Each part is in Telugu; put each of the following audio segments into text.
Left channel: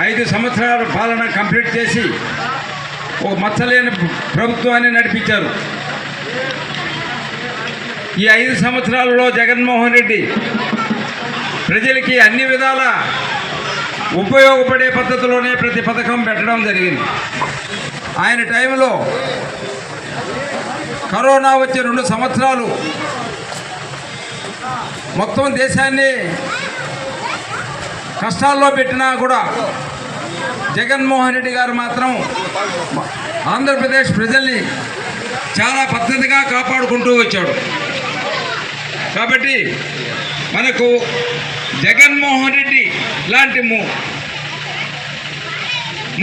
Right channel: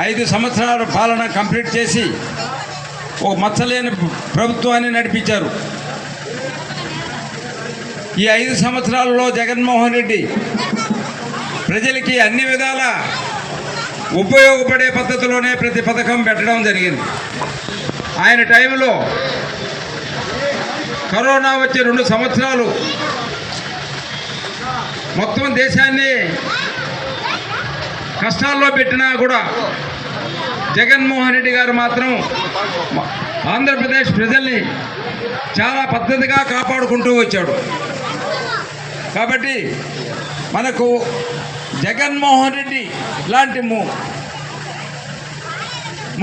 5 సంవత్సరాల పాలన కంప్లీట్ చేసి ఓ మచ్చలేని ప్రభుత్వాన్ని నడిపించారు. ఈ 5 సంవత్సరాలలో జగన్మోహన్ రెడ్డి ప్రజలకి అన్ని విధాల ఉపయోగపడే పద్ధతిలోనే ప్రతి పథకం పెట్టడం జరిగింది. ఆయన టైంలో కరోనా వచ్చే 2 సంవత్సరాలు మొత్తం దేశాన్ని కష్టాల్లో పెట్టినా కూడా జగన్మోహన్ రెడ్డి గారు మాత్రం ఆంధ్రప్రదేశ్ ప్రజల్ని చాలా పద్ధతిగా కాపాడుకుంటూ వచ్చాడు. కాబట్టి మనకు జగన్మోహన్ రెడ్డి లాంటి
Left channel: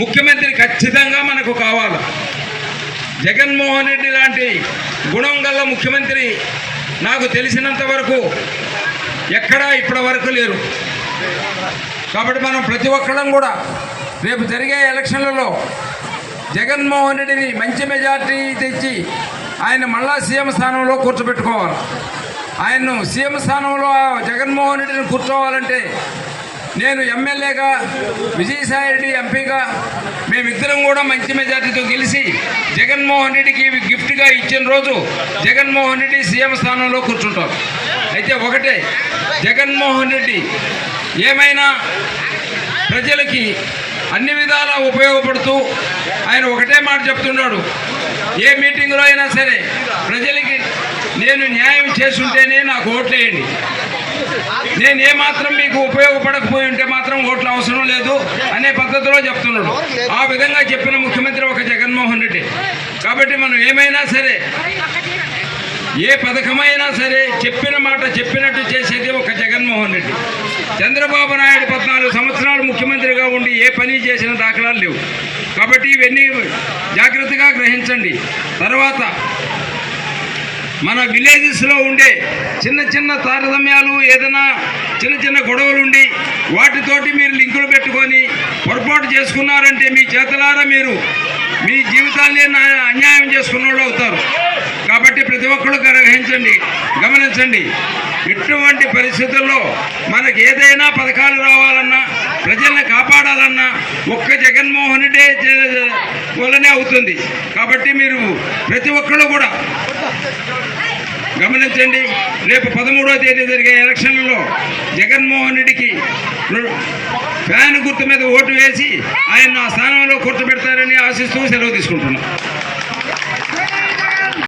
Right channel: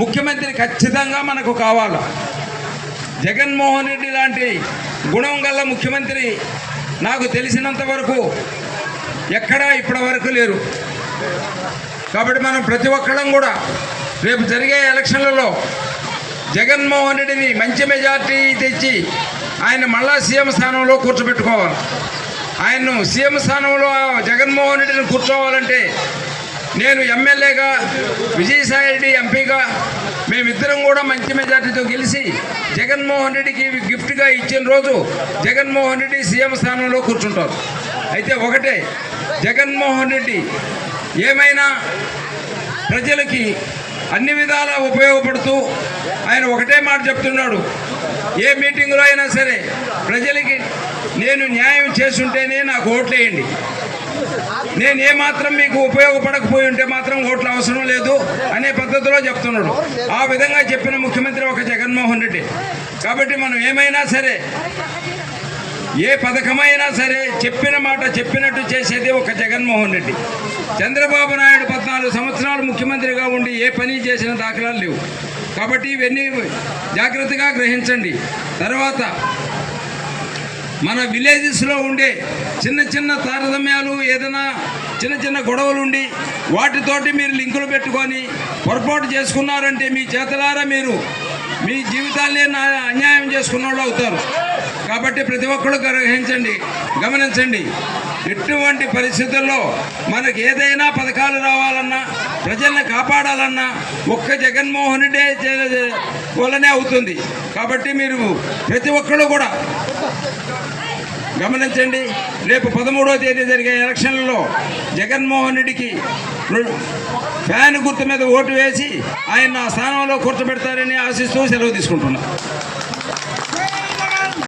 ముఖ్యమంత్రి ఖచ్చితంగా మనకు కావాలి. జగన్మోహన్ రెడ్డి లాంటి గుణం గల ముఖ్యమంత్రి నాకు తెలిసినంత వరకు ఎక్కడా ఇప్పటి వరకు లేరు. కాబట్టి మనం ప్రతి ఒక్కళ్ళం కూడా రేపు జరిగే ఎలక్షన్లలో జగన్మోహన్ రెడ్డిని మంచి మెజార్టీ తెచ్చి ఆయన మళ్ళా సీఎం స్థానంలో కూర్చోబెట్టుకోవాలి. ఆయన్ను సీఎం స్థానంలో జగన్మోహన్ రెడ్డిని కూర్చోవాలంటే నేను ఎమ్మెల్యేగా, విజయసాయి రెడ్డి ఎంపీగా మేమిద్దరం కూడా మంచి మెజార్టీతో గెలిచి జగన్మోహన్ రెడ్డికి గిఫ్ట్గా ఇచ్చిన రోజు జగన్మోహన్ రెడ్డి సీఎం స్థానంలో కూర్చుంటారు. అయితే ఒకటే, జగన్మోహన్ రెడ్డి ఏమైనా ప్రజలకి అన్ని విధాలా ఉపయోగపడుతూ ఆయన ఒకటే మాట చెప్తున్నాడు. ఏ మీటింగ్లో అయినా సరే ప్రజలకి నేను న్యాయం చేస్తుంటేనే నాకు ఓట్లేయండి, నేను ఏమాత్రం మీకు ఉపయోగపడకపోయి ఉంటే మాత్రం ఓట్లు అవసరం లేదు అనే పద్ధతిలో చెప్తున్నాడు. ఆ విధంగా చెప్పిన ముఖ్యమంత్రి ఒక జగన్మోహన్ రెడ్డి. కాబట్టి మనం ఏమైనా సరే, ఏ పథకమైనా సరే చెప్పిన మాట చెప్పినట్టు చేసేది ఒక జగన్మోహన్ రెడ్డి. చంద్రబాబు నాయుడు 14 సంవత్సరాలు ముఖ్యమంత్రిగా ఉండి ఏ పని చేసిన దాఖలాలు లేవు. కాబట్టి ఇవన్నీ జాగ్రత్తగా గ్రహించండి. తర్వాత మన విలేజెస్లో ఉండే చిన్న చిన్న తారతమ్యాలు, ఏదైనా చిన్న చిన్న గొడవలు ఉండి వాటితోటి మీరు లింకులు పెట్టుకొని పొరపాటు చేసుకున్నారంటే మీ చేతలారా మీరు మీ జీవితాన్ని అన్యాయం చేసుకున్న వాళ్ళు అవుతారు. కాబట్టి ప్రతి ఒక్కరు గ్రహించండి, గమనించండి. ఎటువంటి పరిస్థితుల్లో మనకు ఏదైనా పథకాలు రావాలన్నా, ప్రజల్ని కాపాడాలన్నా ఒక్క జగన్మోహన్ రెడ్డి వల్లనే అవుతుంది. కాబట్టి మీరు ప్రతి ఒక్కరు కూడా గమనించండి. రేపు 13వ తేదీ జరిగే ఎలక్షన్లలో జగన్మోహన్ రెడ్డికి ఫ్యాన్ గుర్తు మీద ఓటు వేసి ఆయన ఆ స్థానంలో కూర్చోబెడతారని ఆశిస్తూ సెలవు తీసుకుంటున్నాను.